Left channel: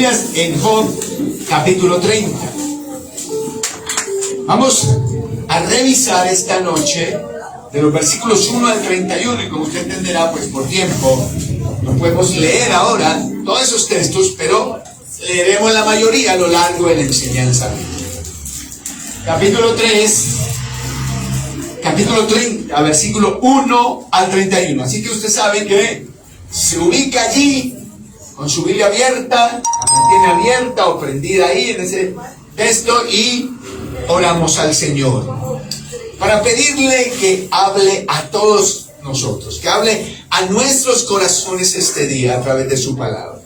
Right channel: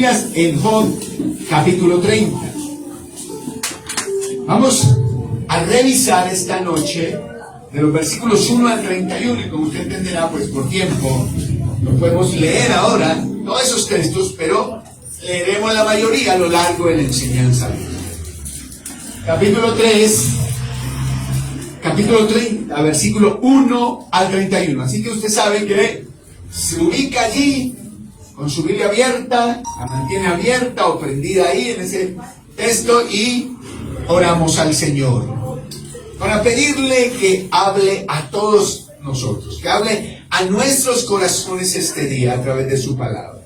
Biblias en Job capítulo 30. Vamos a revisar esta noche de los versículos 1 al 31, y como usted entenderá, pues por tiempo no podemos leer ahora todos esos textos, pero leeremos la mayoría a lo largo de la enseñanza. Capítulo 30, versículo 1 al 31. Así que usted sabe que se ubica allí con su Biblia abierta, la mantiene abierta o prendida ahí en ese texto, y oramos al Señor para pedirle que hable a todos nosotros, que hable a nuestros corazones este día a través de su palabra.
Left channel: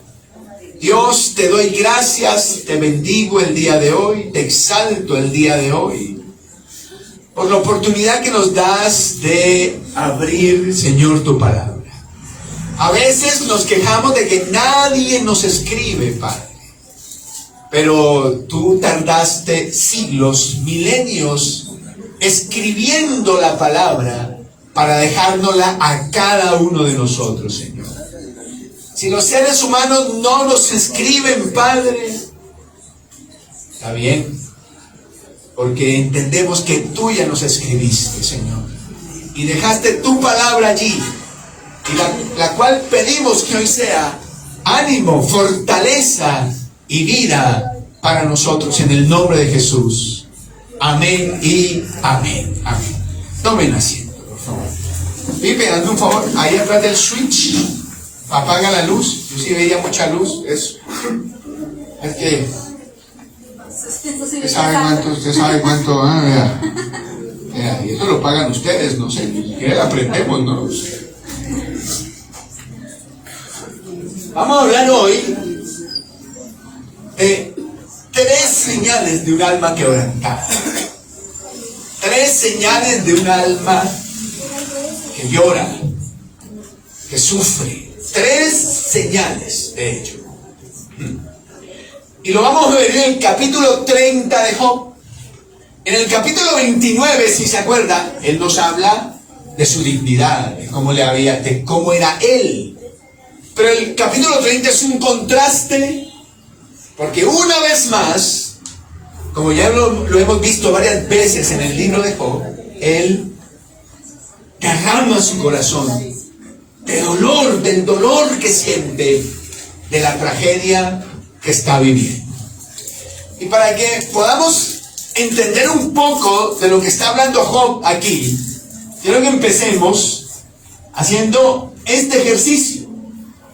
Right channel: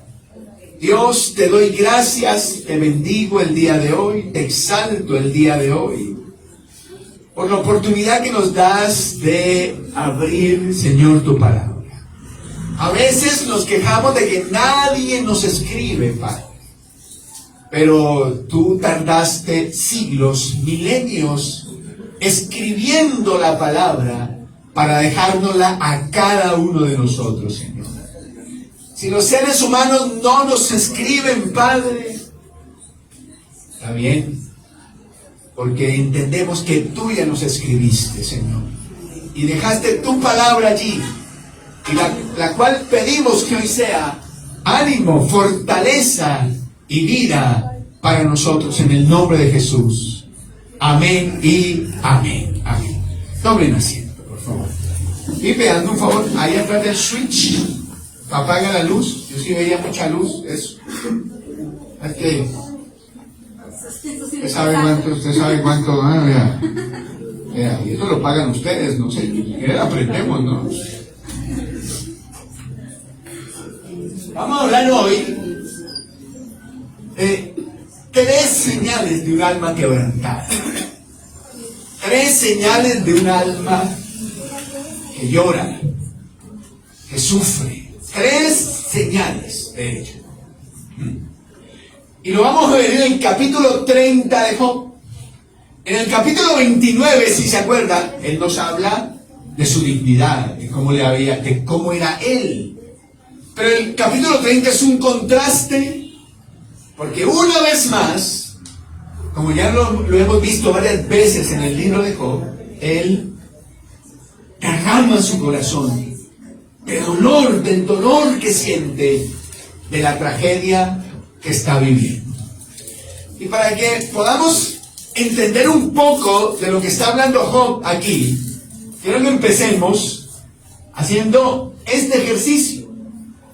Dios, te doy gracias, te bendigo el día de hoy, te exalto el día de hoy, por la oportunidad que nos das de abrir, Señor, tu palabra. A veces nos quejamos de que nadie nos escribe, Padre, pero tú tardaste siglos, milenios, escribiendo la palabra para dejárnosla a cada uno de nosotros, Señor. Si los seres humanos no nos escriben, Padre, está bien, porque entendemos que tú ya nos escribiste, Señor, y dejaste tu palabra allí, y la cual pedimos que hoy sea ánimo, fortaleza y vida para nosotros, en el nombre de Jesús. Amén y amén. Amén. Tomen asiento, por favor. Pipe, hazme un favor, ahí atrás del switch, apaga la luz. Yo sí veía mucha luz. Eso. Es que usted sabe cuánto, vea, y eso lo pagan ustedes, no sé, que aprendemos, ¿no? Vamos a hablar hoy de 3 señales de un alma quebrantada. 3 señales de un alma que llora, que sufre. 3 señales, de hecho. Y lo vamos a ver en el capítulo 30 de Job. En el capítulo 29, si se acuerda, él nos habla de su dignidad, de cómo era él. Pero el capítulo 30 es un contraste, porque una vez más, como ya lo hemos visto varias veces en el libro de Job, él derrama su corazón del dolor que siente, de la tragedia que está viviendo. Y para que podamos entender un poco de lo que está hablando Job aquí, quiero que empecemos haciendo este ejercicio.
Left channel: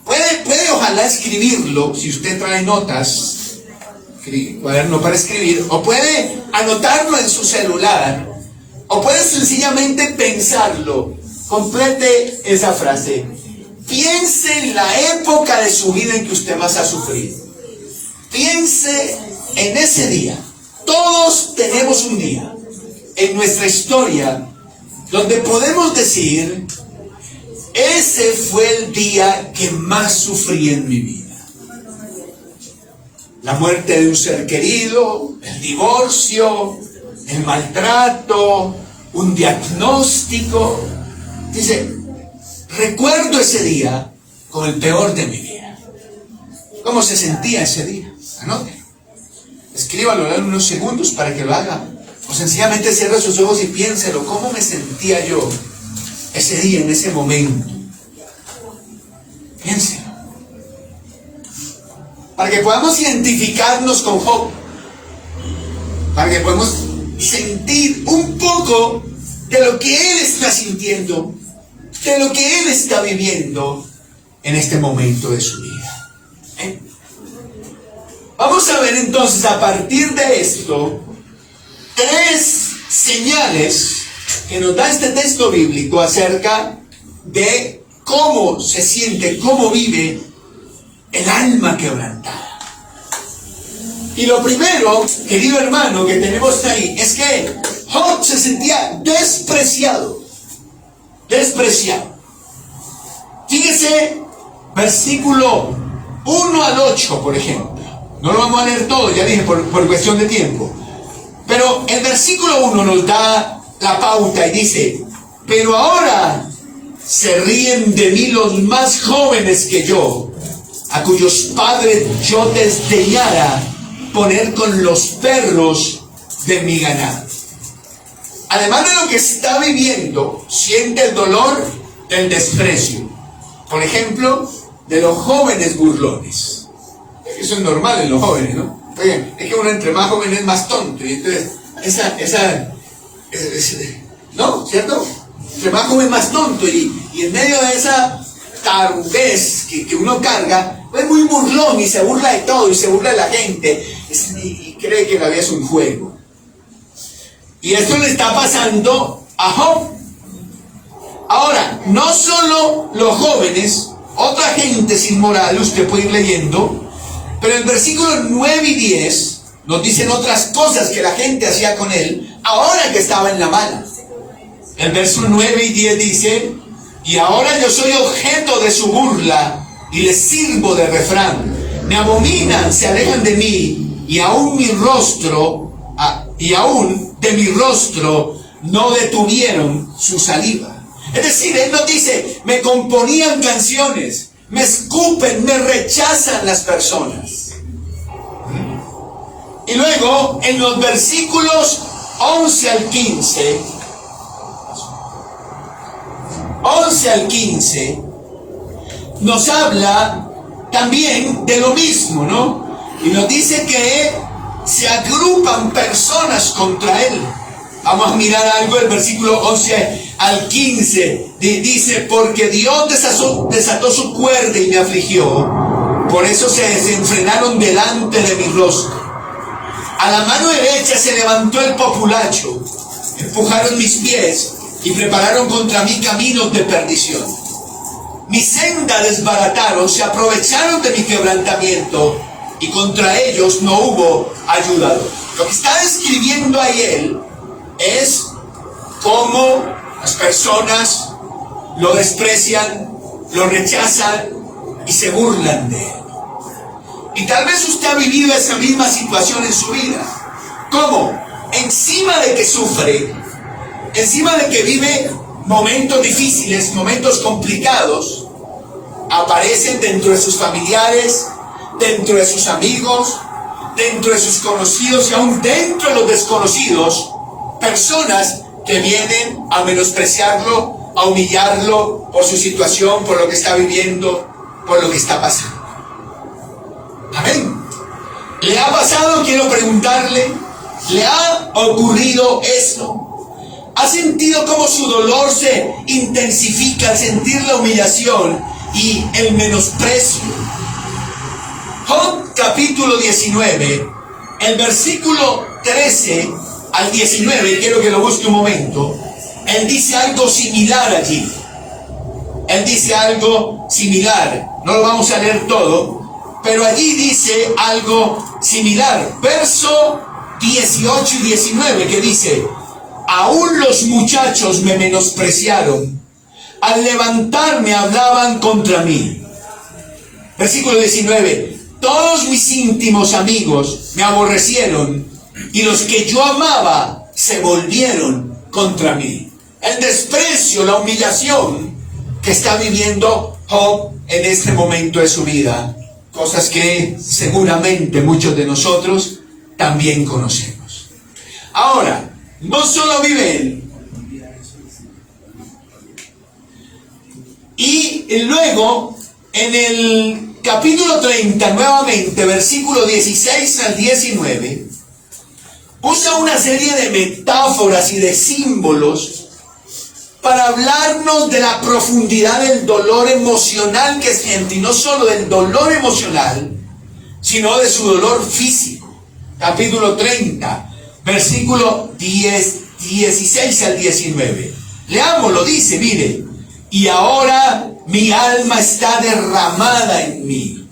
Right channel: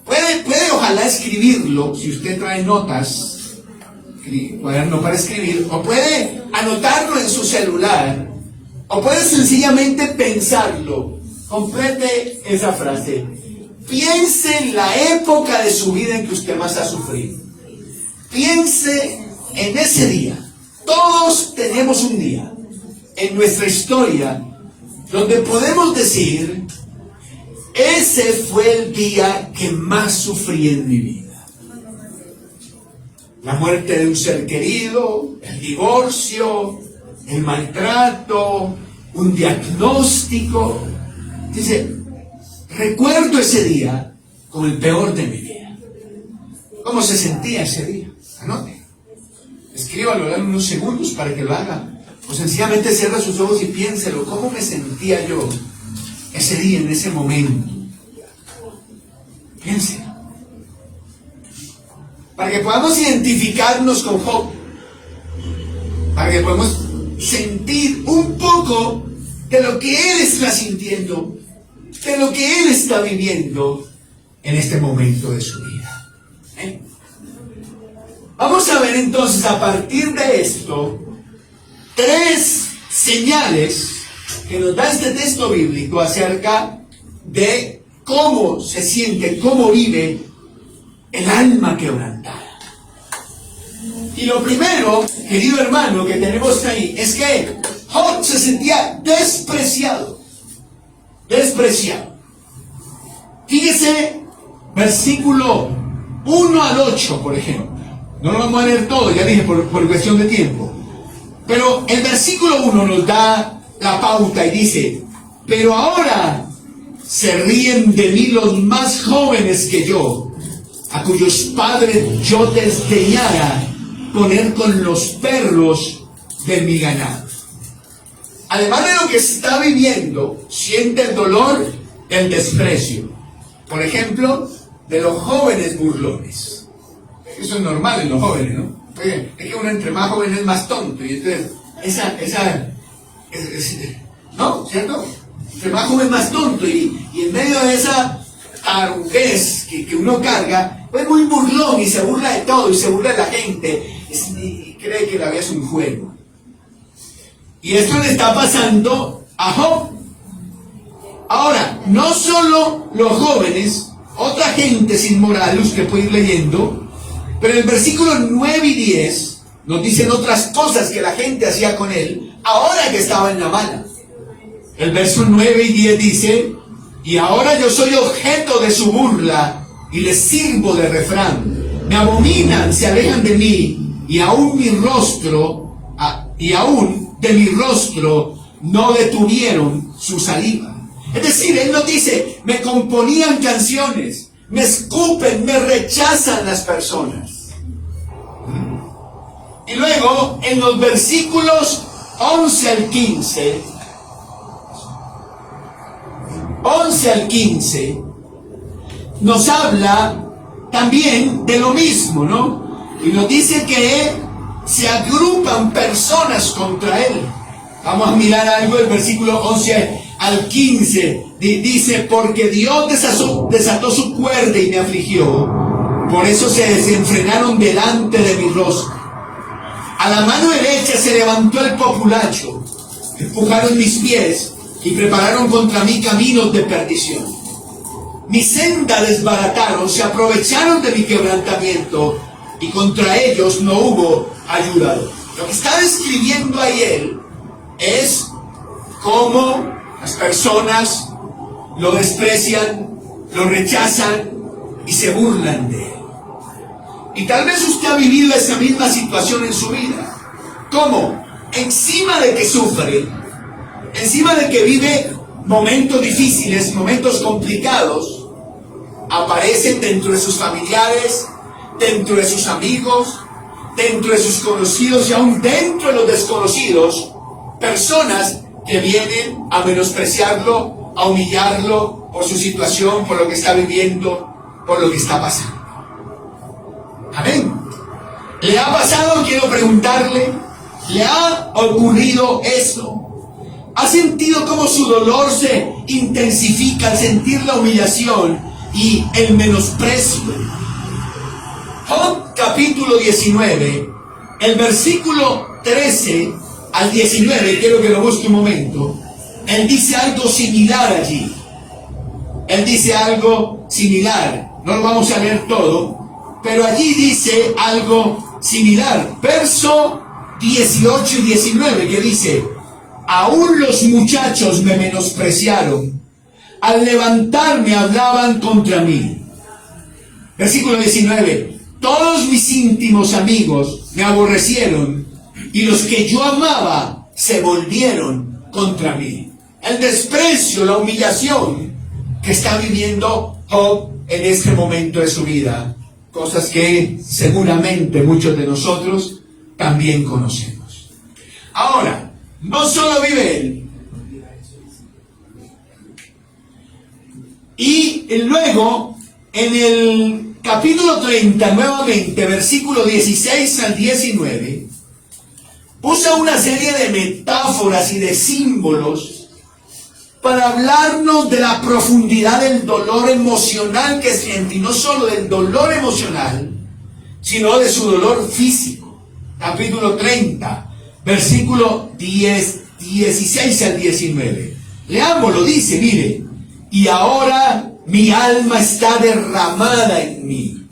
Puede ojalá escribirlo, si usted trae notas, cuaderno para escribir, o puede anotarlo en su celular, o puede sencillamente pensarlo. Complete esa frase. Piense en la época de su vida en que usted más ha sufrido. Piense en ese día. Todos tenemos un día en nuestra historia donde podemos decir: ese fue el día que más sufrí en mi vida. La muerte de un ser querido, el divorcio, el maltrato, un diagnóstico. Dice, recuerdo ese día como el peor de mi vida. ¿Cómo se sentía ese día? Anote. Escríbalo en unos segundos para que lo haga. O sencillamente cierre sus ojos y piénselo. ¿Cómo me sentía yo ese día, en ese momento? Piénselo. Para que podamos identificarnos con Job. Para que podamos sentir un poco de lo que él está sintiendo, de lo que él está viviendo en este momento de su vida. Vamos a ver entonces, a partir de esto, 3 señales que nos da este texto bíblico acerca de cómo se siente, cómo vive el alma quebrantada. Y lo primero, querido hermano, que tenemos ahí, es que Job se sentía despreciado. Fíjese, versículo 1 al 8, por ejemplo. No lo vamos a leer todo, ya dije, por cuestión de tiempo. Pero el versículo 1 nos da la pauta y dice: pero ahora se ríen de mí los más jóvenes que yo, a cuyos padres yo desdeñara poner con los perros de mi ganado. Además de lo que está viviendo, siente el dolor del desprecio. Por ejemplo, de los jóvenes burlones. Eso es normal en los jóvenes, ¿no? Oye, es que uno entre más joven es más tonto. Y entonces, ¿no? ¿Cierto? Entre más joven más tonto. Y en medio de esa tarugez que uno carga, es muy burlón y se burla de todo y se burla de la gente. Y cree que la vida es un juego. Y esto le está pasando a Job. Ahora, no solo los jóvenes, otra gente sin moral, usted puede ir leyendo, pero en el versículo 9 y 10 nos dicen otras cosas que la gente hacía con él, ahora que estaba en la mala. El verso 9 y 10 dice: y ahora yo soy objeto de su burla y les sirvo de refrán. Me abominan, se alejan de mí, y aún de mi rostro no detuvieron su saliva. Es decir, él nos dice, me componían canciones, me escupen, me rechazan las personas. Y luego, en los versículos 11 al 15, nos habla también de lo mismo, ¿no? Y nos dice que se agrupan personas contra él. Vamos a mirar algo del versículo 11 al 15. Dice, porque Dios desató su cuerda y me afligió, por eso se desenfrenaron delante de mi rostro. A la mano derecha se levantó el populacho, empujaron mis pies y prepararon contra mí caminos de perdición. Mi senda desbarataron, se aprovecharon de mi quebrantamiento, y contra ellos no hubo ayudador. Lo que está describiendo ahí él es cómo las personas lo desprecian, lo rechazan y se burlan de él. Y tal vez usted ha vivido esa misma situación en su vida. ¿Cómo? Encima de que sufre, encima de que vive momentos difíciles, momentos complicados, aparecen dentro de sus familiares, dentro de sus amigos, dentro de sus conocidos y aún dentro de los desconocidos, personas que vienen a menospreciarlo, a humillarlo por su situación, por lo que está viviendo, por lo que está pasando. Amén. ¿Le ha pasado? Quiero preguntarle, ¿le ha ocurrido esto? ¿Ha sentido cómo su dolor se intensifica al sentir la humillación y el menosprecio? Job capítulo 19, el versículo 13 al 19, quiero que lo busque un momento. Él dice algo similar allí. Él dice algo similar. No lo vamos a leer todo, pero allí dice algo similar. Verso 18 y 19, que dice: aún los muchachos me menospreciaron, al levantarme hablaban contra mí. Versículo 19: todos mis íntimos amigos me aborrecieron, y los que yo amaba se volvieron contra mí. El desprecio, la humillación que está viviendo Job en este momento de su vida. Cosas que seguramente muchos de nosotros también conocemos. Ahora, no solo vive él. Y luego, en el capítulo 30, nuevamente, versículo 16 al 19, usa una serie de metáforas y de símbolos para hablarnos de la profundidad del dolor emocional que siente, y no solo del dolor emocional, sino de su dolor físico. Capítulo 30, versículo 16 al 19. Leámoslo, dice, mire: y ahora mi alma está derramada en mí.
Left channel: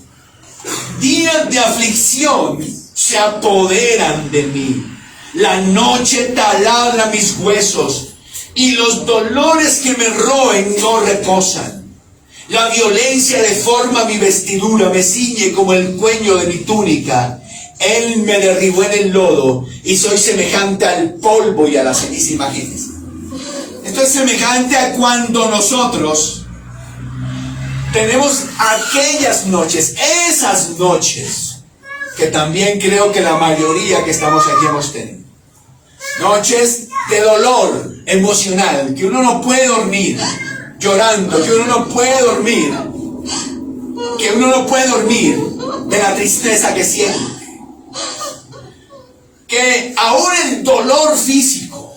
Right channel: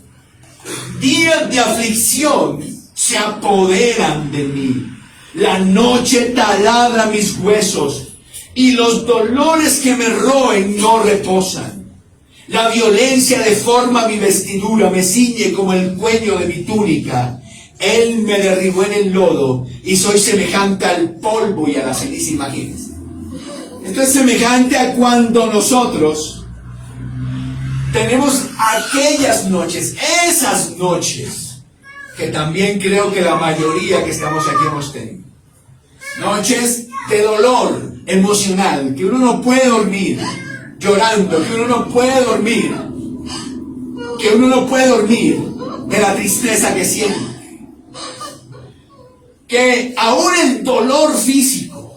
Días de aflicción se apoderan de mí. La noche taladra mis huesos, y los dolores que me roen no reposan. La violencia deforma mi vestidura, me ciñe como el cuello de mi túnica. Él me derribó en el lodo, y soy semejante al polvo y a la ceniza. Imagínense. Esto es semejante a cuando nosotros tenemos aquellas noches, esas noches, que también creo que la mayoría que estamos aquí hemos tenido. Noches de dolor emocional, que uno no puede dormir llorando, que uno no puede dormir, de la tristeza que siente. Que aún el dolor físico,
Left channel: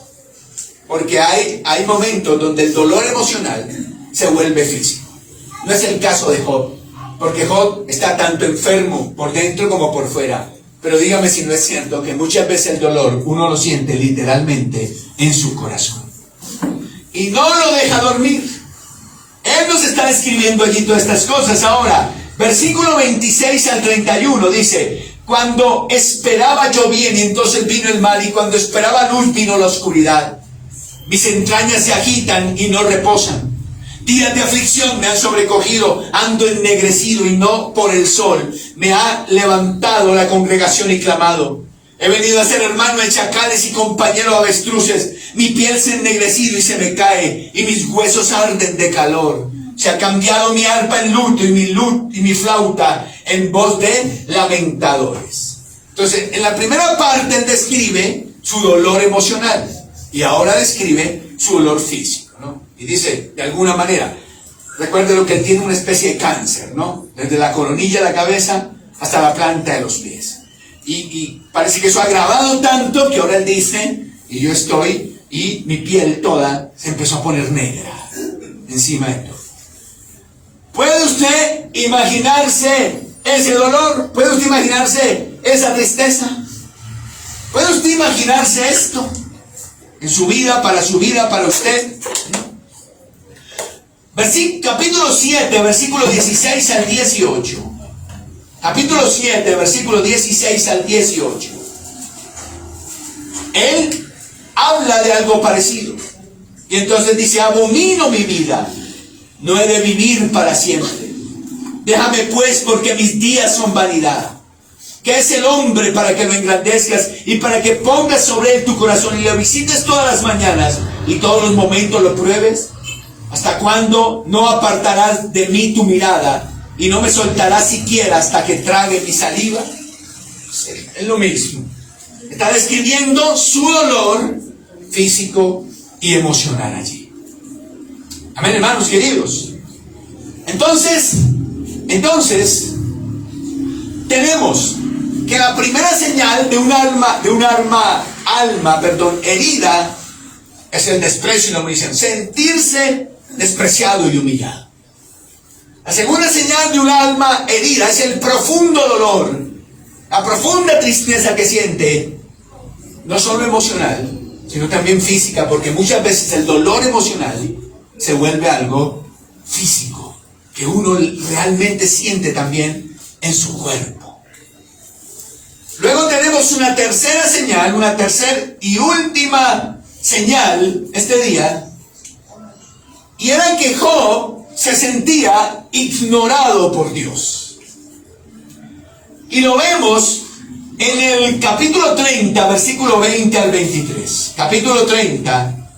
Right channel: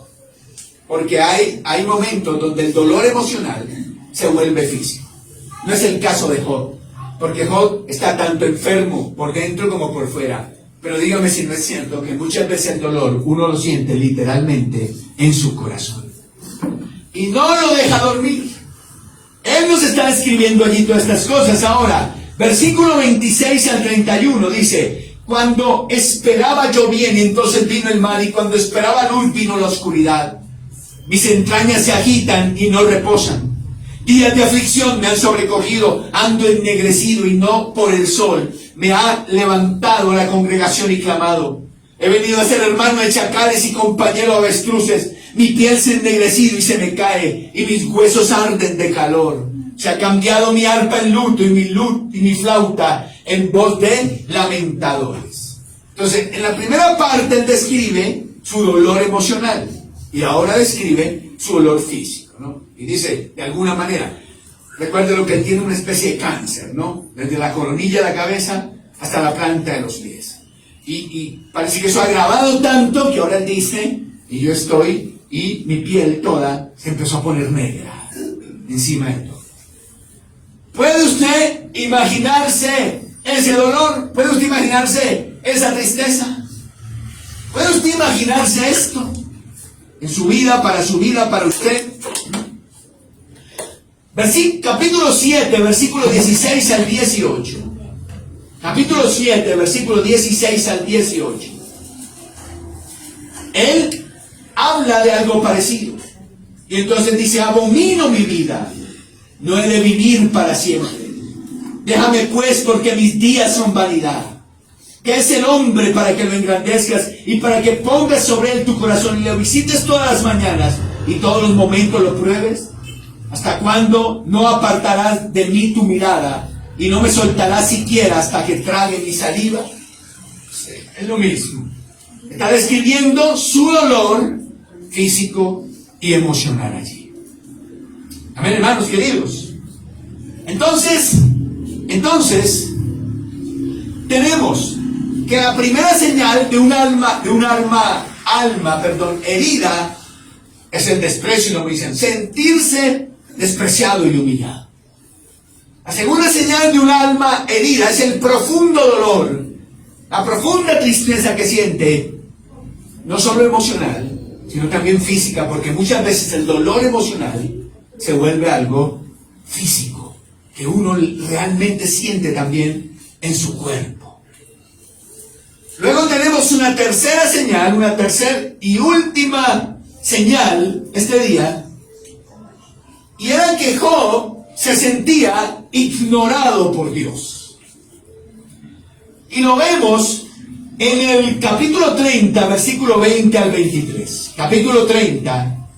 porque hay momentos donde el dolor emocional se vuelve físico. No es el caso de Job, porque Job está tanto enfermo por dentro como por fuera. Pero dígame si no es cierto que muchas veces el dolor uno lo siente literalmente en su corazón. Y no lo deja dormir. Él nos está describiendo allí todas estas cosas. Ahora, versículo 26 al 31 dice: cuando esperaba yo bien, entonces vino el mal, y cuando esperaba luz, vino la oscuridad. Mis entrañas se agitan y no reposan. Días de aflicción me han sobrecogido, ando ennegrecido y no por el sol. Me ha levantado la congregación y clamado. He venido a ser hermano de chacales y compañero de avestruces. Mi piel se ha ennegrecido y se me cae, y mis huesos arden de calor. Se ha cambiado mi arpa en luto, y mi flauta en voz de lamentadores. Entonces, en la primera parte él describe su dolor emocional, y ahora describe su dolor físico, ¿no? Y dice, de alguna manera, recuerde lo que él tiene, una especie de cáncer, ¿no? Desde la coronilla de la cabeza hasta la planta de los pies. Y parece que eso ha agravado tanto que ahora él dice, y yo estoy, y mi piel toda se empezó a poner negra encima de todo. ¿Puede usted imaginarse ese dolor? ¿Puede usted imaginarse esa tristeza? ¿Puede usted imaginarse esto en su vida, para usted? Capítulo 7, versículo 16 al 18. Capítulo 7, versículo 16 al 18. Él habla de algo parecido. Y entonces dice: abomino mi vida, no he de vivir para siempre. Déjame pues, porque mis días son vanidad. ¿Qué es el hombre para que lo engrandezcas y para que pongas sobre él tu corazón y lo visites todas las mañanas y todos los momentos lo pruebes? ¿Hasta cuándo no apartarás de mí tu mirada y no me soltarás siquiera hasta que trague mi saliva? Es lo mismo. Está describiendo su dolor físico y emocional allí. Amén, hermanos queridos. Entonces, tenemos que la primera señal de un alma herida es el desprecio y la humillación. Sentirse despreciado y humillado. La segunda señal de un alma herida es el profundo dolor, la profunda tristeza que siente, no solo emocional, sino también física, porque muchas veces el dolor emocional se vuelve algo físico, que uno realmente siente también en su cuerpo. Luego tenemos una tercera señal, una tercera y última señal este día, y era que Job se sentía ignorado por Dios. Y lo vemos en el capítulo 30, versículo 20 al 23. Capítulo 30,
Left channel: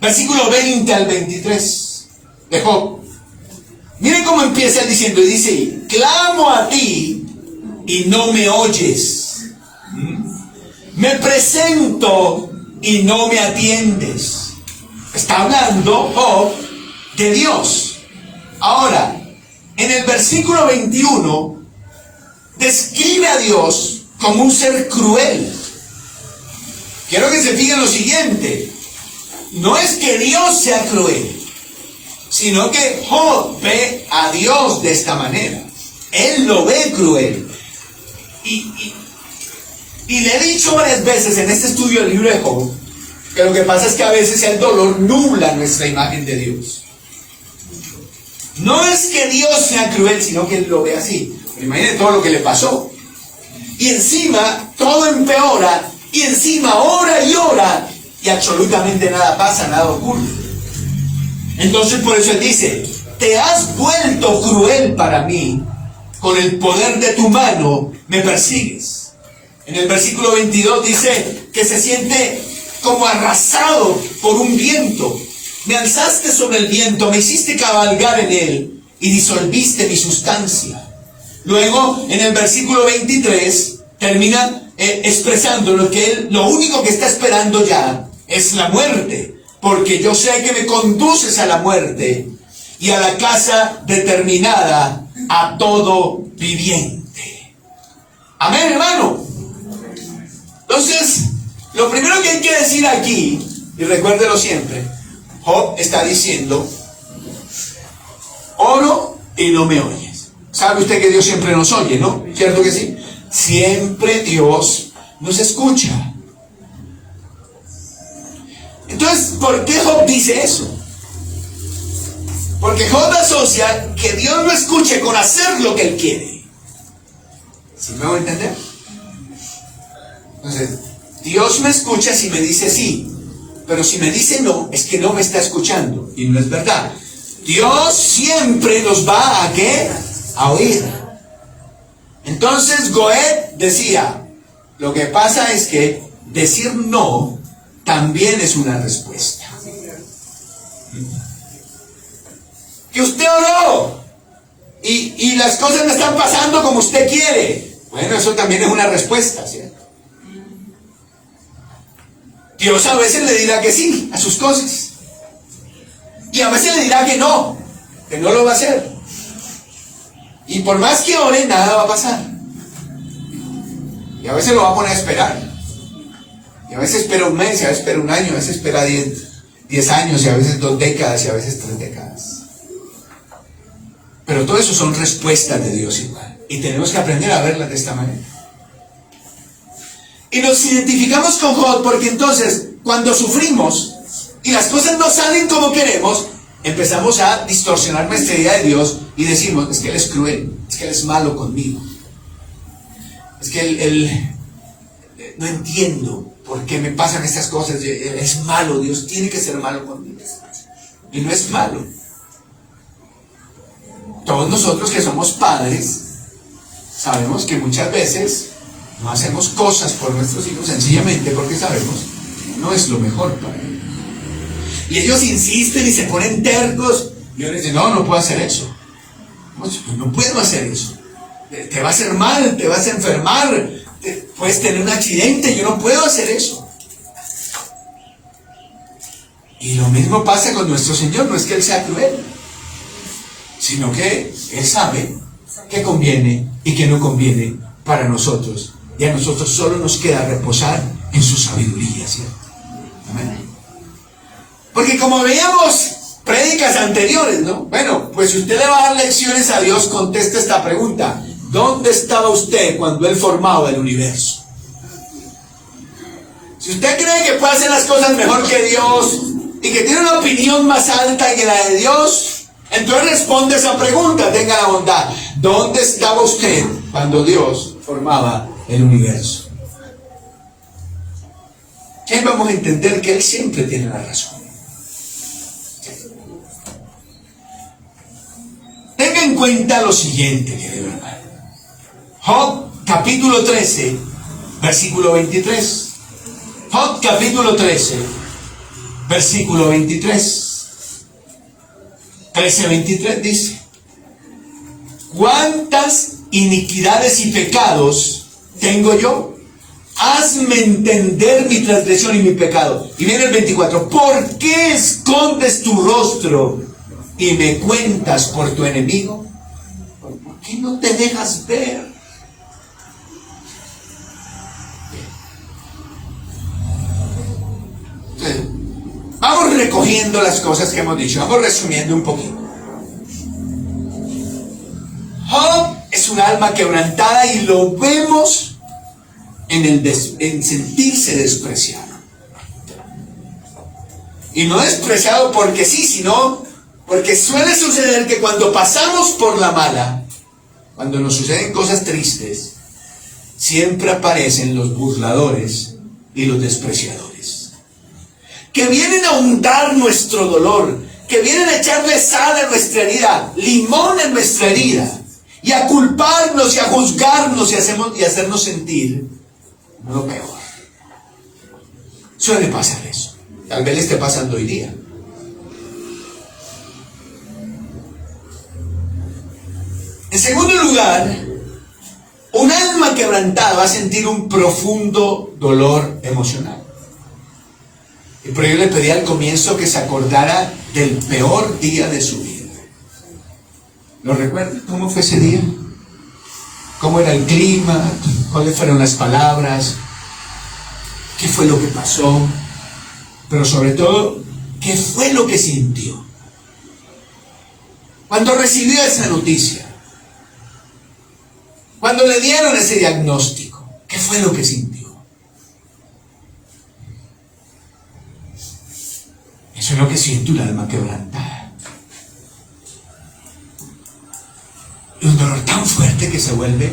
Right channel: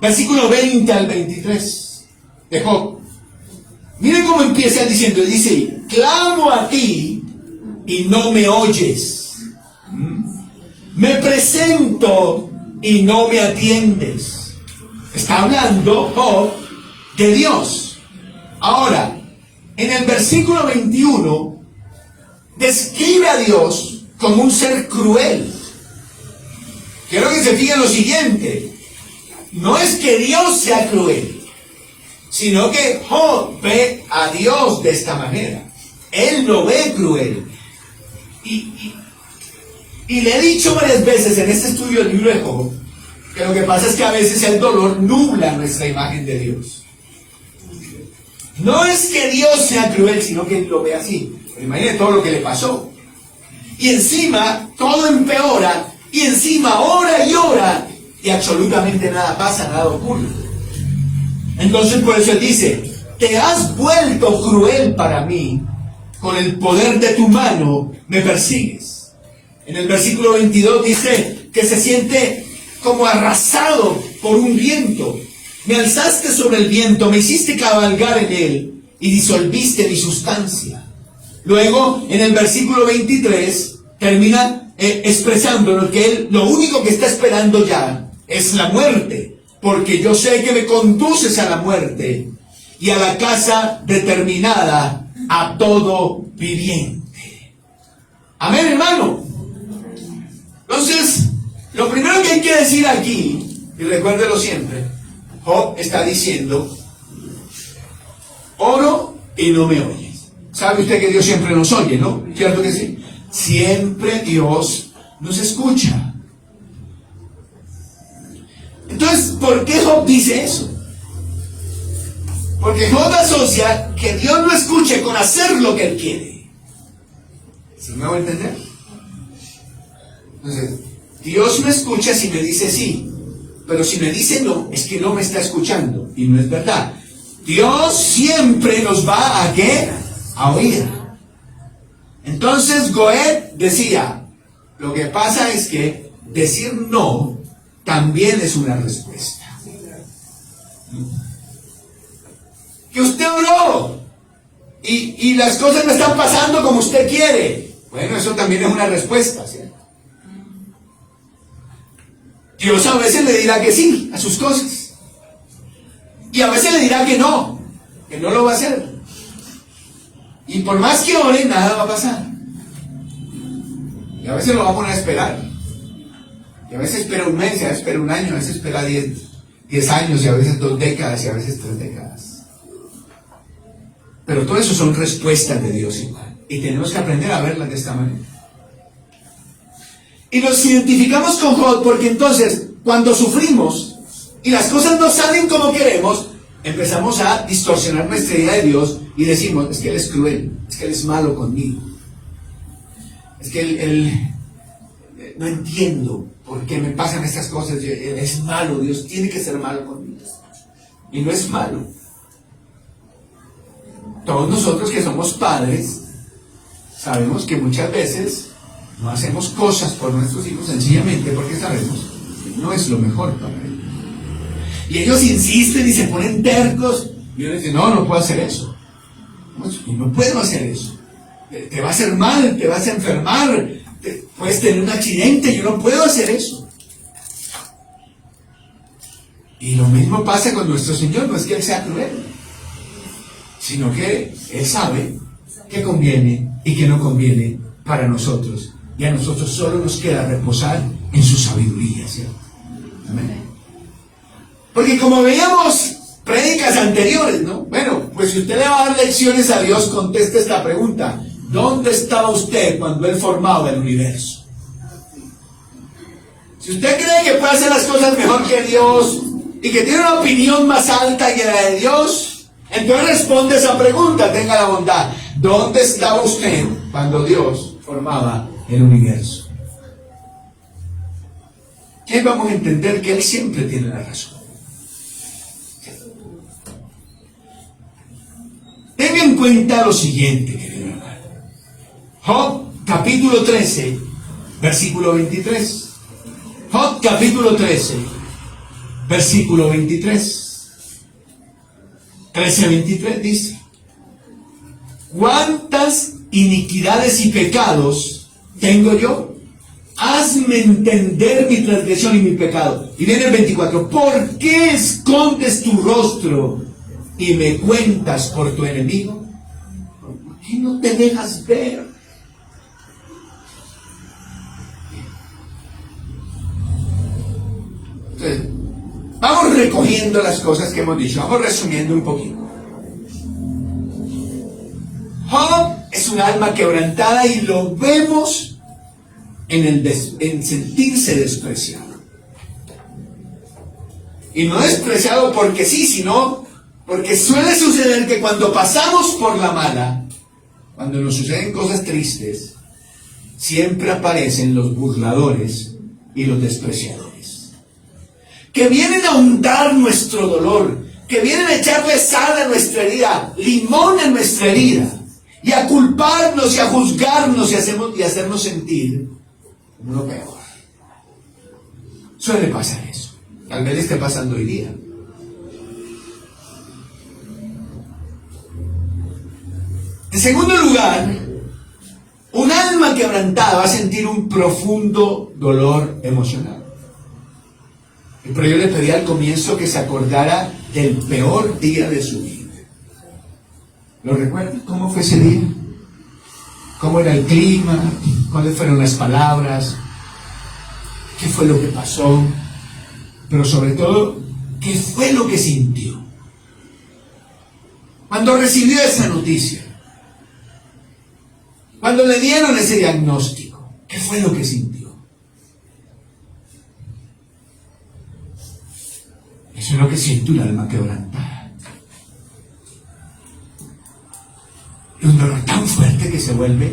versículo 20 al 23 de Job. Miren cómo empieza diciendo, y dice: clamo a ti y no me oyes. Me presento y no me atiendes. Está hablando Job de Dios. Ahora, en el versículo 21, describe a Dios como un ser cruel. Quiero que se fijen lo siguiente: no es que Dios sea cruel, sino que Job ve a Dios de esta manera. Él lo ve cruel. Y le he dicho varias veces en este estudio del libro de Job que lo que pasa es que a veces el dolor nubla nuestra imagen de Dios. No es que Dios sea cruel, sino que Él lo ve así. Pero imagínate todo lo que le pasó. Y encima todo empeora, y encima ora y ora, y absolutamente nada pasa, nada ocurre. Entonces por eso Él dice: te has vuelto cruel para mí, con el poder de tu mano me persigues. En el versículo 22 dice que se siente como arrasado por un viento. Me alzaste sobre el viento, me hiciste cabalgar en él, y disolviste mi sustancia. Luego, en el versículo 23, termina expresando que él lo único que está esperando ya es la muerte, porque yo sé que me conduces a la muerte y a la casa determinada a todo viviente. Amén, hermano. Entonces, lo primero que hay que decir aquí, y recuérdelo siempre, Job está diciendo: oro y no me oyes. ¿Sabe usted que Dios siempre nos oye, no? ¿Cierto que sí? Siempre Dios nos escucha. Entonces, ¿por qué Job dice eso? Porque Job asocia que Dios lo escuche con hacer lo que él quiere. ¿Sí me voy a entender? Entonces, Dios me escucha si me dice sí, pero si me dice no, es que no me está escuchando, y no es verdad. Dios siempre nos va a ¿qué? A oír. Entonces Goethe decía, lo que pasa es que decir no también es una respuesta. Que usted oró y las cosas no están pasando como usted quiere. Bueno, eso también es una respuesta, ¿cierto? Dios a veces le dirá que sí a sus cosas. Y a veces le dirá que no lo va a hacer. Y por más que ore, nada va a pasar. Y a veces lo va a poner a esperar. Y a veces espera un mes, y a veces espera un año, a veces espera 10 años, y a veces 2 décadas, y a veces 3 décadas. Pero todo eso son respuestas de Dios igual. Y tenemos que aprender a verlas de esta manera. Y nos identificamos con Job porque entonces, cuando sufrimos y las cosas no salen como queremos, empezamos a distorsionar nuestra idea de Dios y decimos: es que Él es cruel, es que Él es malo conmigo, es que Él no entiendo por qué me pasan estas cosas, Él es malo, Dios tiene que ser malo conmigo. Y no es malo. Todos nosotros que somos padres sabemos que muchas veces no hacemos cosas por nuestros hijos sencillamente porque sabemos que no es lo mejor para ellos. Y ellos insisten y se ponen tercos. Y yo les digo: no puedo hacer eso. No puedo hacer eso. Te va a hacer mal, te vas a enfermar, puedes tener un accidente. Yo no puedo hacer eso. Y lo mismo pasa con nuestro Señor. No es que Él sea cruel, sino que Él sabe qué conviene y qué no conviene para nosotros. Y a nosotros solo nos queda reposar en su sabiduría, ¿cierto? Amén. Porque como veíamos prédicas anteriores, ¿no? Bueno, pues si usted le va a dar lecciones a Dios, conteste esta pregunta: ¿dónde estaba usted cuando Él formaba el universo? Si usted cree que puede hacer las cosas mejor que Dios y que tiene una opinión más alta que la de Dios, entonces responde esa pregunta, tenga la bondad. ¿Dónde estaba usted cuando Dios formaba el universo? ¿Qué vamos a entender? Que Él siempre tiene la razón. Tenga en cuenta lo siguiente, querido hermano. Job capítulo 13, versículo 23. Job capítulo 13, versículo 23. 13:23 dice: ¿cuántas iniquidades y pecados tengo yo? Hazme entender mi transgresión y mi pecado. Y viene el 24: ¿por qué escondes tu rostro y me cuentas por tu enemigo? ¿Por qué no te dejas ver? Entonces, vamos recogiendo las cosas que hemos dicho, vamos resumiendo un poquito. Job es un alma quebrantada y lo vemos en sentirse despreciado. Y no despreciado porque sí, sino porque suele suceder que cuando pasamos por la mala, cuando nos suceden cosas tristes, siempre aparecen los burladores y los despreciadores, que vienen a hundar nuestro dolor, que vienen a echarle sal a nuestra herida, limón en nuestra herida, y a culparnos y a juzgarnos y hacernos sentir lo peor. Suele pasar eso. Tal vez le esté pasando hoy día. En segundo lugar, un alma quebrantada va a sentir un profundo dolor emocional. Y por ello le pedí al comienzo que se acordara del peor día de su vida. ¿Lo recuerda? ¿Cómo fue ese día? ¿Cómo era el clima? ¿Cuáles fueron las palabras? ¿Qué fue lo que pasó? Pero sobre todo, ¿qué fue lo que sintió? Cuando recibió esa noticia, cuando le dieron ese diagnóstico, ¿qué fue lo que sintió? Eso es lo que siente un alma quebrantada. Y un dolor tan fuerte que se vuelve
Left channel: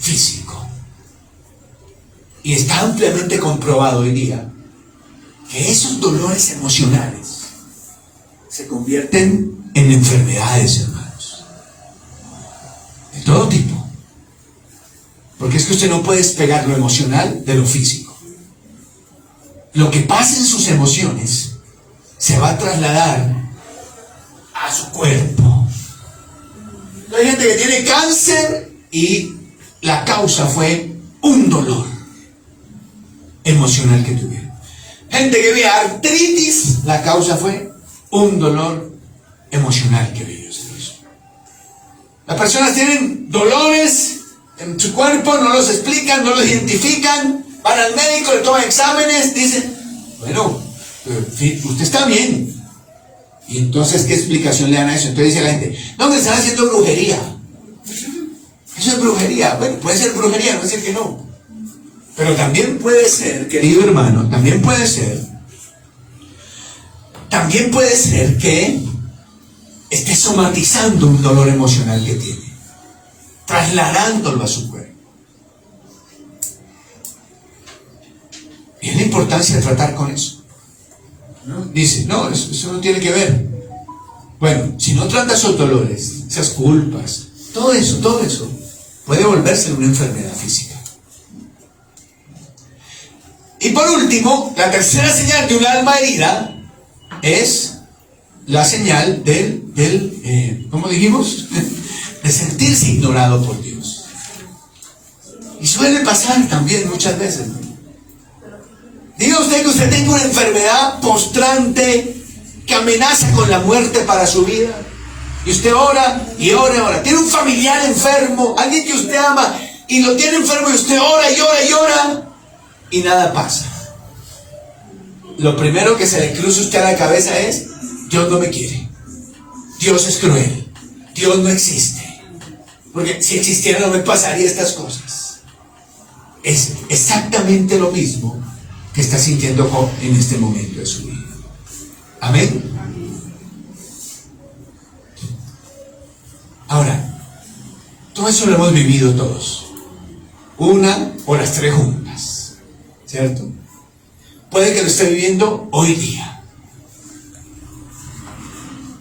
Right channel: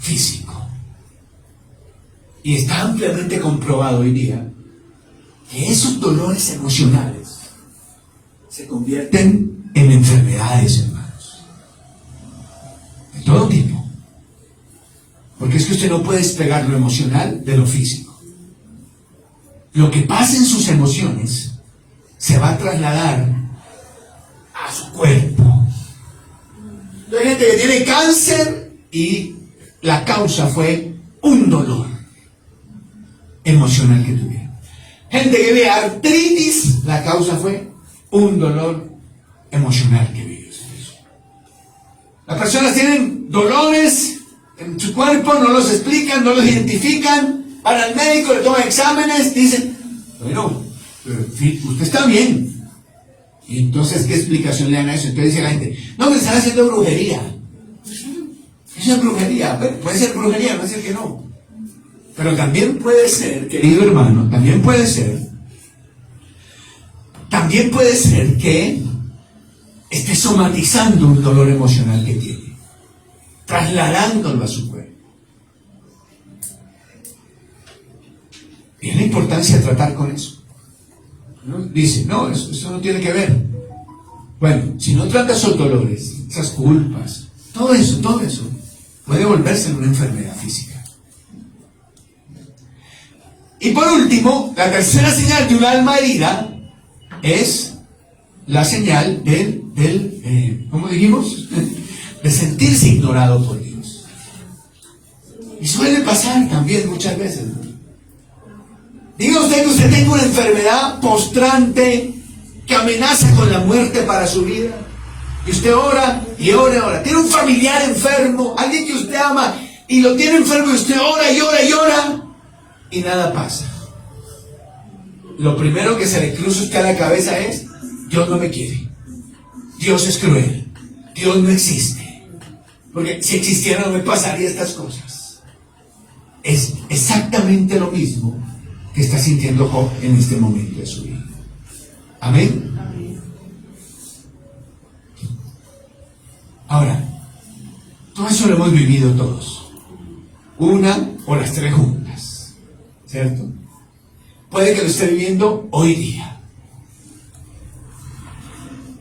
físico. Y está ampliamente comprobado hoy día que esos dolores emocionales se convierten en enfermedades, hermanos. De todo tipo. Porque es que usted no puede despegar lo emocional de lo físico. Lo que pasa en sus emociones se va a trasladar a su cuerpo. Hay gente que tiene cáncer y la causa fue un dolor emocional que tuvieron. Gente que vive artritis, la causa fue un dolor emocional que vivió. Las personas tienen dolores en su cuerpo, no los explican, no los identifican, van al médico, le toman exámenes, dicen, bueno, usted está bien. Y entonces, ¿qué explicación le dan a eso? Entonces dice la gente, no, me están haciendo brujería. Eso es brujería. Bueno, puede ser brujería, no es decir que no. Pero también puede ser, querido hermano, también puede ser que esté somatizando un dolor emocional que tiene, trasladándolo a su cuerpo. Y es la importancia de tratar con eso, ¿no? Dice, no, eso no tiene que ver. Bueno, si no trata esos dolores, esas culpas, todo eso puede volverse una enfermedad física. Y por último, la tercera señal de un alma herida es la señal ¿cómo dijimos? De sentirse ignorado por Dios. Y suele pasar también muchas veces, ¿no? Diga usted que usted tenga una enfermedad postrante que amenaza con la muerte para su vida. Y usted ora y ora y ora. Tiene un familiar enfermo, alguien que usted ama, y lo tiene enfermo y usted ora y ora y ora. Y nada pasa. Lo primero que se le cruza a usted a la cabeza es: Dios no me quiere, Dios es cruel, Dios no existe, porque si existiera no me pasaría estas cosas. Es exactamente lo mismo que está sintiendo Job en este momento de su vida. Amén. Ahora, todo eso lo hemos vivido todos, una o las tres juntas, ¿cierto? Puede que lo esté viviendo hoy día.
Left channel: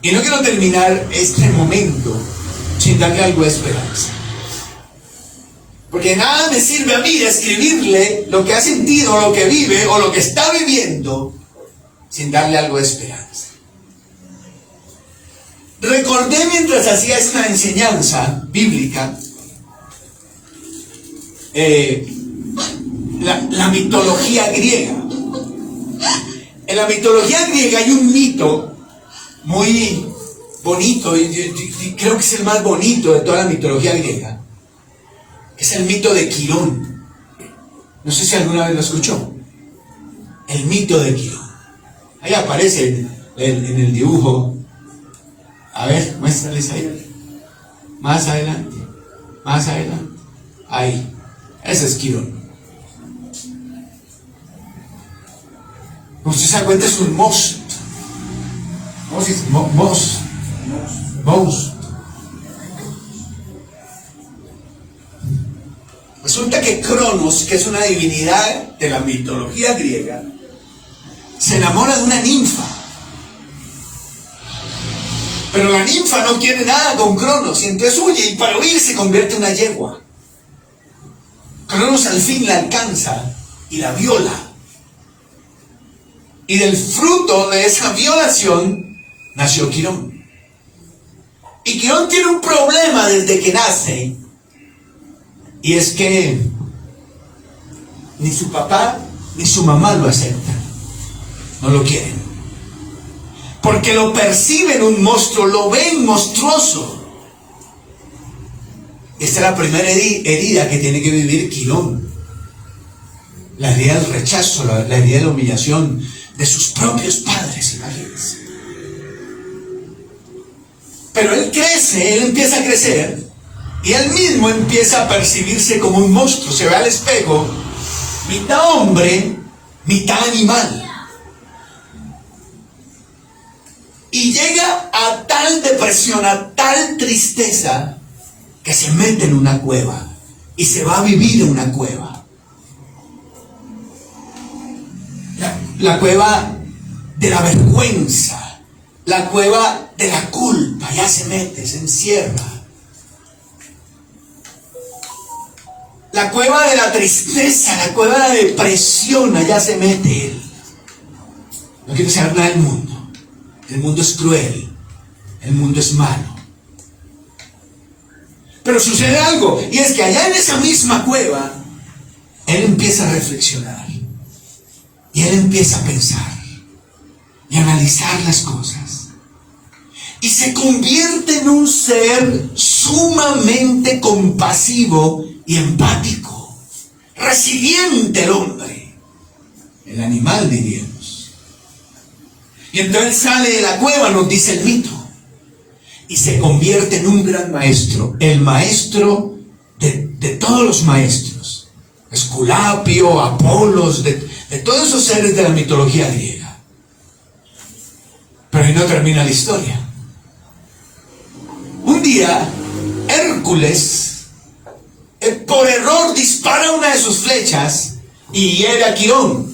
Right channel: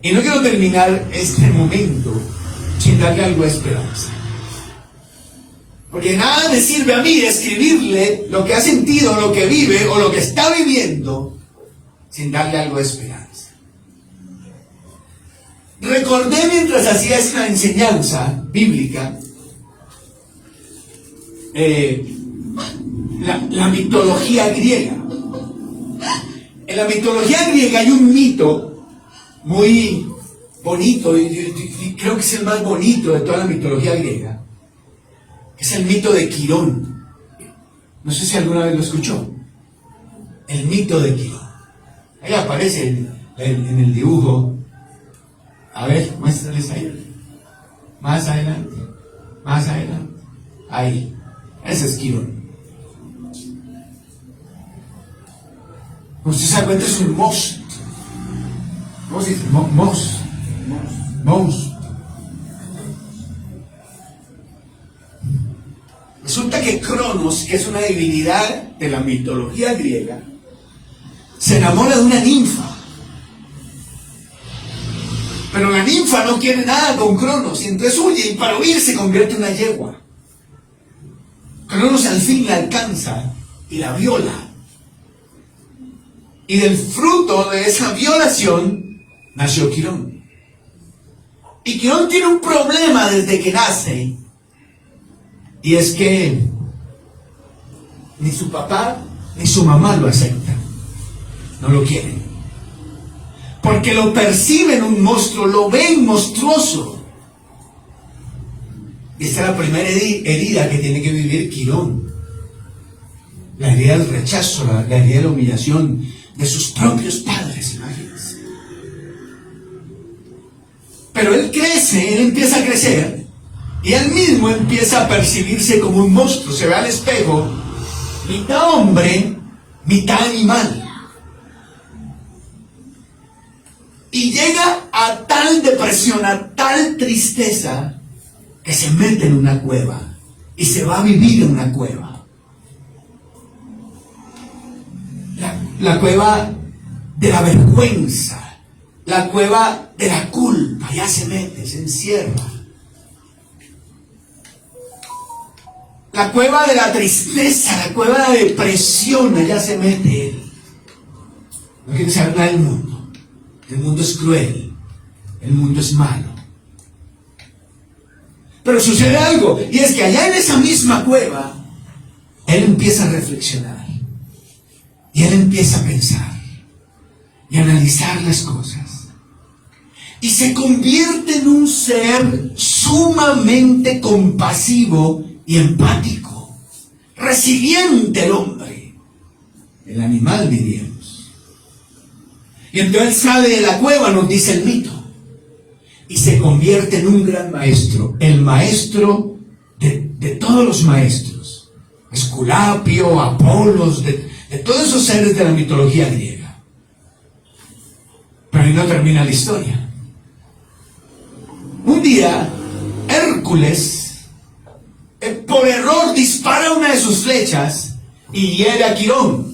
Y no quiero terminar este momento sin darle algo de esperanza. Porque nada me sirve a mí describirle lo que ha sentido, lo que vive o lo que está viviendo sin darle algo de esperanza. Recordé mientras hacía esta enseñanza bíblica la mitología griega. En la mitología griega hay un mito muy bonito, y creo que es el más bonito de toda la mitología griega. Es el mito de Quirón. No sé si alguna vez lo escuchó. El mito de Quirón. Ahí aparece en el dibujo. A ver, muéstrales ahí. Más adelante. Más adelante. Ahí. Ese es Quirón. Usted se da cuenta, es un monstruo. Monstruo. Resulta que Cronos, que es una divinidad de la mitología griega, se enamora de una ninfa. Pero la ninfa no quiere nada con Cronos, y entonces huye, y para huir se convierte en una yegua. Cronos al fin la alcanza y la viola. Y del fruto de esa violación nació Quirón. Y Quirón tiene un problema desde que nace, y es que ni su papá ni su mamá lo aceptan, no lo quieren, porque lo perciben un monstruo, lo ven monstruoso. Y esta es la primera herida que tiene que vivir Quirón, la herida del rechazo, la herida de la humillación de sus propios padres, imagínense. Pero él crece, él empieza a crecer, y él mismo empieza a percibirse como un monstruo. Se ve al espejo, mitad hombre, mitad animal. Y llega a tal depresión, a tal tristeza, que se mete en una cueva y se va a vivir en una cueva. La cueva de la vergüenza, la cueva de la culpa, ya se mete, se encierra. La cueva de la tristeza, la cueva de la depresión, allá se mete él. No quiere saber nada del mundo. El mundo es cruel, el mundo es malo. Pero sucede algo, y es que allá en esa misma cueva, él empieza a reflexionar, y él empieza a pensar, y a analizar las cosas, y se convierte en un ser sumamente compasivo y empático, resiliente el hombre, el animal diríamos. Y entonces él sale de la cueva, nos dice el mito, y se convierte en un gran maestro, el maestro de todos los maestros, Esculapio, Apolos, de todos esos seres de la mitología griega. Pero ahí no termina la historia. Un día, Hércules, por error, dispara una de sus flechas y hiere a Quirón.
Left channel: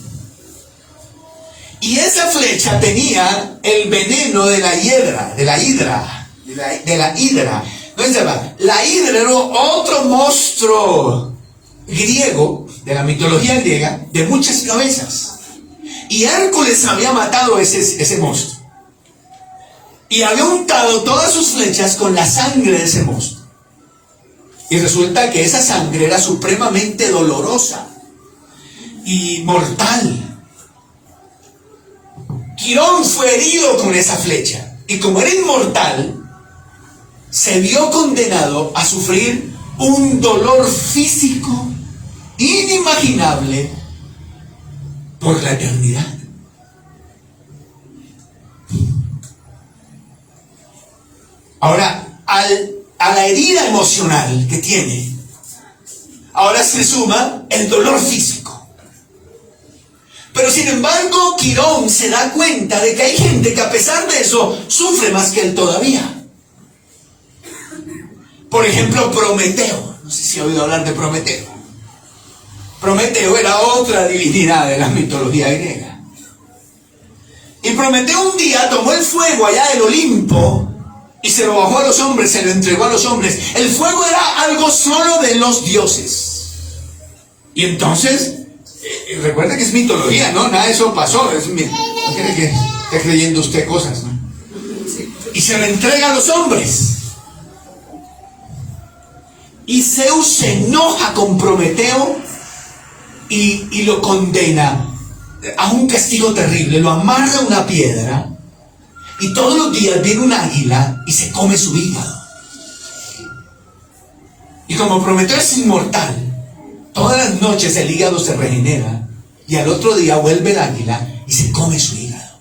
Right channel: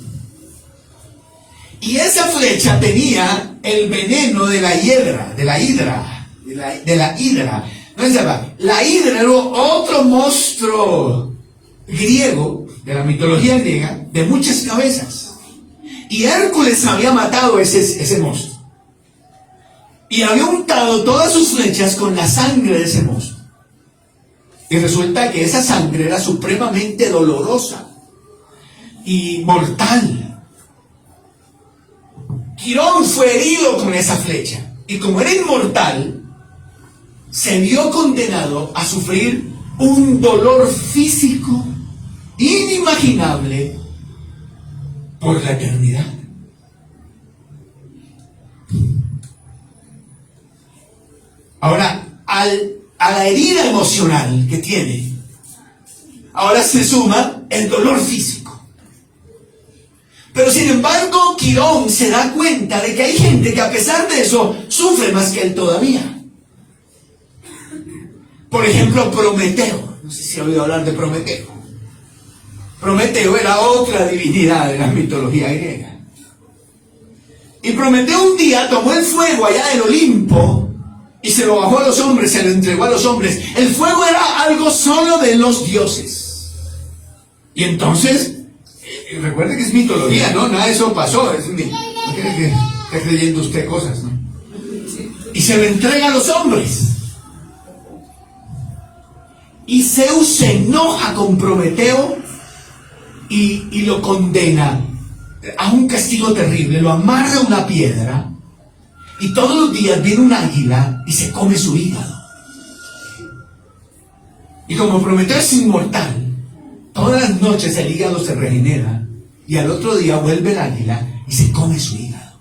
Y esa flecha tenía el veneno de la hidra. ¿No se llama? La hidra era otro monstruo griego, de la mitología griega, de muchas cabezas. Y Hércules había matado ese monstruo. Y había untado todas sus flechas con la sangre de ese monstruo. Y resulta que esa sangre era supremamente dolorosa y mortal. Quirón fue herido con esa flecha. Y como era inmortal, se vio condenado a sufrir un dolor físico inimaginable por la eternidad. Ahora, a la herida emocional que tiene, ahora se suma el dolor físico. Pero sin embargo, Quirón se da cuenta de que hay gente que a pesar de eso sufre más que él todavía. Por ejemplo, Prometeo. No sé si ha oído hablar de Prometeo. Prometeo era otra divinidad de la mitología griega. Y Prometeo un día tomó el fuego allá del Olimpo y se lo bajó a los hombres, se lo entregó a los hombres. El fuego era algo solo de los dioses. Y entonces, recuerda que es mitología, ¿no? Nada de eso pasó. No quiere que esté creyendo usted cosas, ¿no? Y se lo entrega a los hombres. Y Zeus se enoja con Prometeo y lo condena a un castigo terrible. Lo amarra a una piedra y todos los días viene un águila y se come su hígado. Y como Prometeo es inmortal, todas las noches el hígado se regenera y al otro día vuelve el águila y se come su hígado.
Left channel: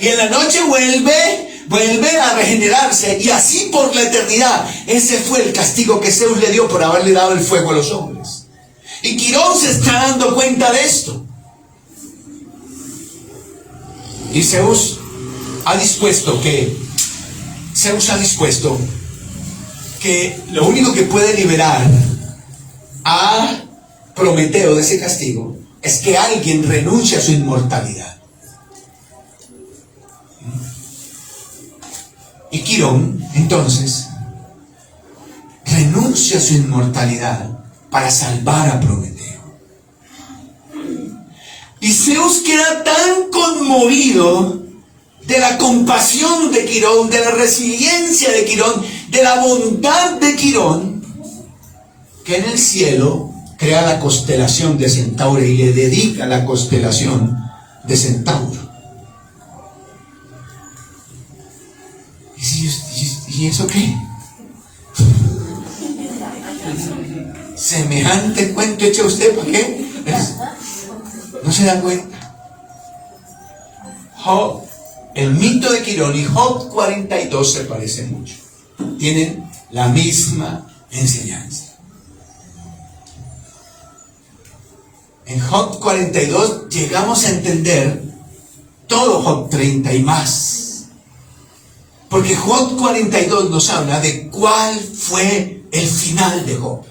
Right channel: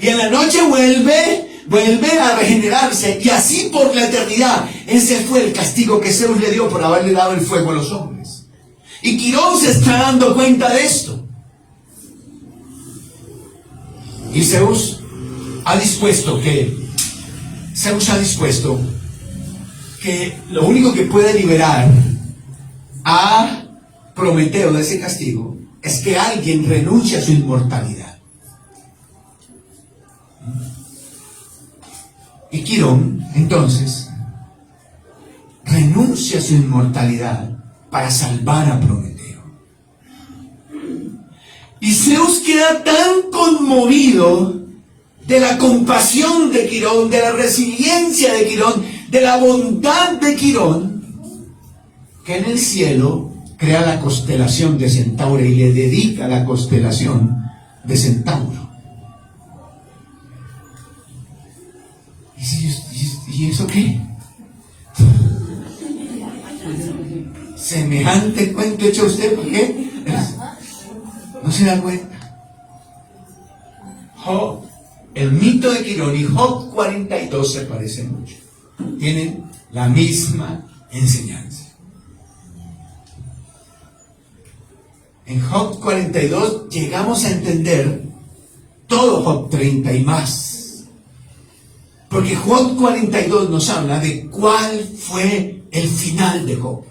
Y en la noche vuelve a regenerarse, y así por la eternidad. Ese fue el castigo que Zeus le dio por haberle dado el fuego a los hombres. Y Quirón se está dando cuenta de esto. Y Zeus ha dispuesto que lo único que puede liberar a Prometeo de ese castigo es que alguien renuncie a su inmortalidad. Y Quirón, entonces, renuncia a su inmortalidad para salvar a Prometeo. Y Zeus queda tan conmovido de la compasión de Quirón, de la resiliencia de Quirón, de la bondad de Quirón, que en el cielo crea la constelación de Centauro y le dedica la constelación de Centauro. ¿Y eso qué? Semejante cuento echa usted, ¿para qué? No se da cuenta. Job, el mito de Quirón y Job 42 se parecen mucho. Tienen la misma enseñanza. En Job 42 llegamos a entender todo Job 30 y más. Porque Job 42 nos habla de cuál fue el final de Job.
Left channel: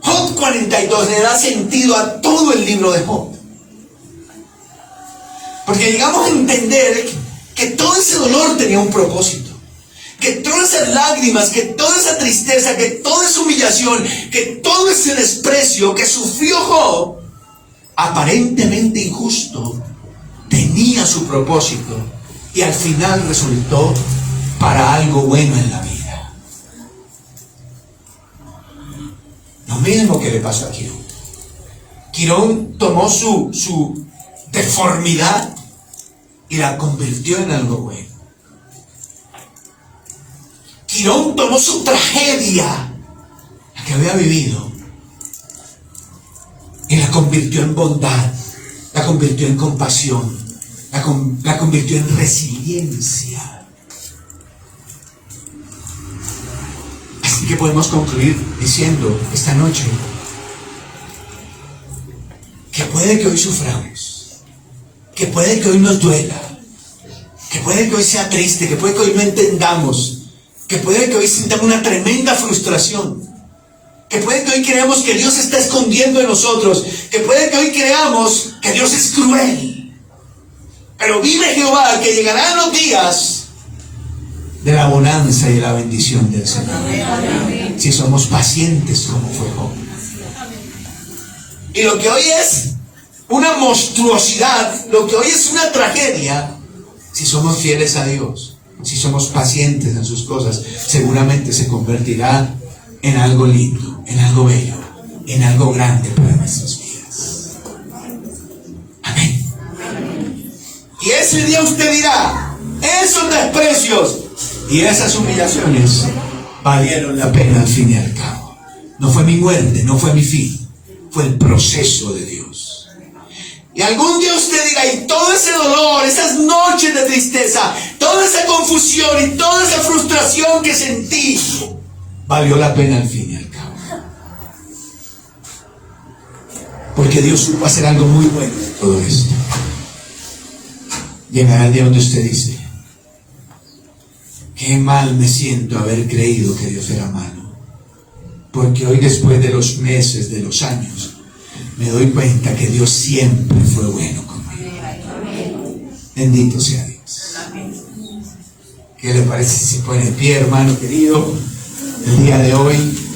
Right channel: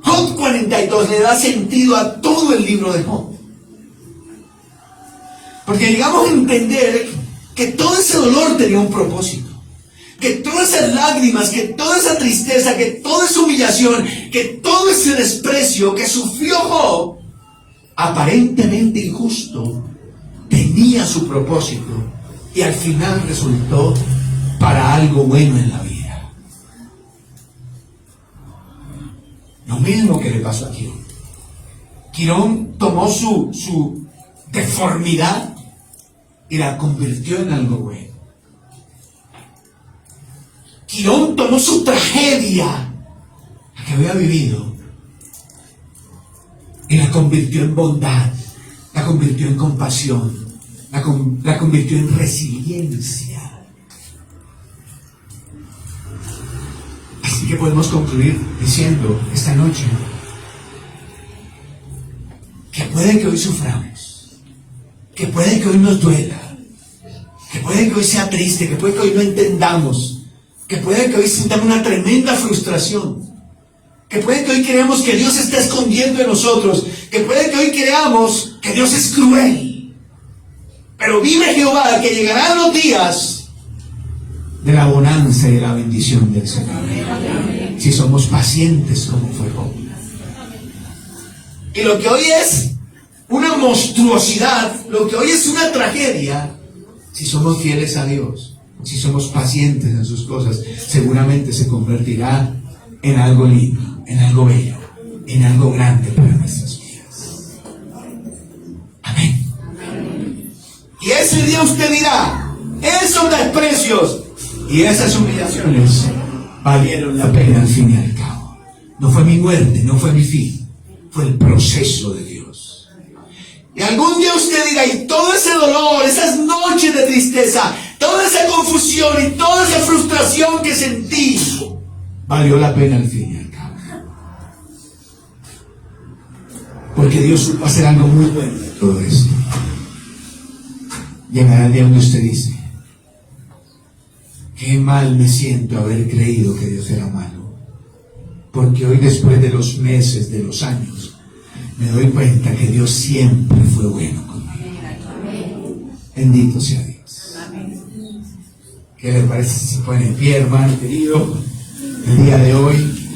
Job 42 le da sentido a todo el libro de Job. Porque llegamos a entender que todo ese dolor tenía un propósito. Que todas esas lágrimas, que toda esa tristeza, que toda esa humillación, que todo ese desprecio que sufrió Job, aparentemente injusto, tenía su propósito y al final resultó para algo bueno en la vida. Lo mismo que le pasó a Quirón. Quirón tomó su deformidad y la convirtió en algo bueno. Quirón tomó su tragedia, la que había vivido, y la convirtió en bondad, la convirtió en compasión, la convirtió en resiliencia. Así que podemos concluir diciendo esta noche que puede que hoy suframos, que puede que hoy nos duela, que puede que hoy sea triste, que puede que hoy no entendamos, que puede que hoy sintamos una tremenda frustración, que puede que hoy creamos que Dios se está escondiendo de nosotros, que puede que hoy creamos que Dios es cruel. Pero vive Jehová que llegarán los días de la bonanza y de la bendición del Señor. Si somos pacientes como fue Job. Y lo que hoy es una monstruosidad, lo que hoy es una tragedia, si somos fieles a Dios, si somos pacientes en sus cosas, seguramente se convertirá en algo lindo, en algo bello, en algo grande para nuestras vidas. Amén. Y ese día usted dirá, esos desprecios y esas humillaciones valieron la pena al fin y al cabo. No fue mi muerte, no fue mi fin, fue el proceso de Dios. Y algún día usted dirá, y todo ese dolor, esas noches de tristeza, toda esa confusión y toda esa frustración que sentí, valió la pena al fin y al cabo. Porque Dios supo hacer algo muy bueno de todo esto. Llegará el día donde usted dice, qué mal me siento haber creído que Dios era malo. Porque hoy, después de los meses, de los años, me doy cuenta que Dios siempre fue bueno conmigo. Bendito sea Dios. ¿Qué le parece si se pone en pie, hermano querido, el día de hoy?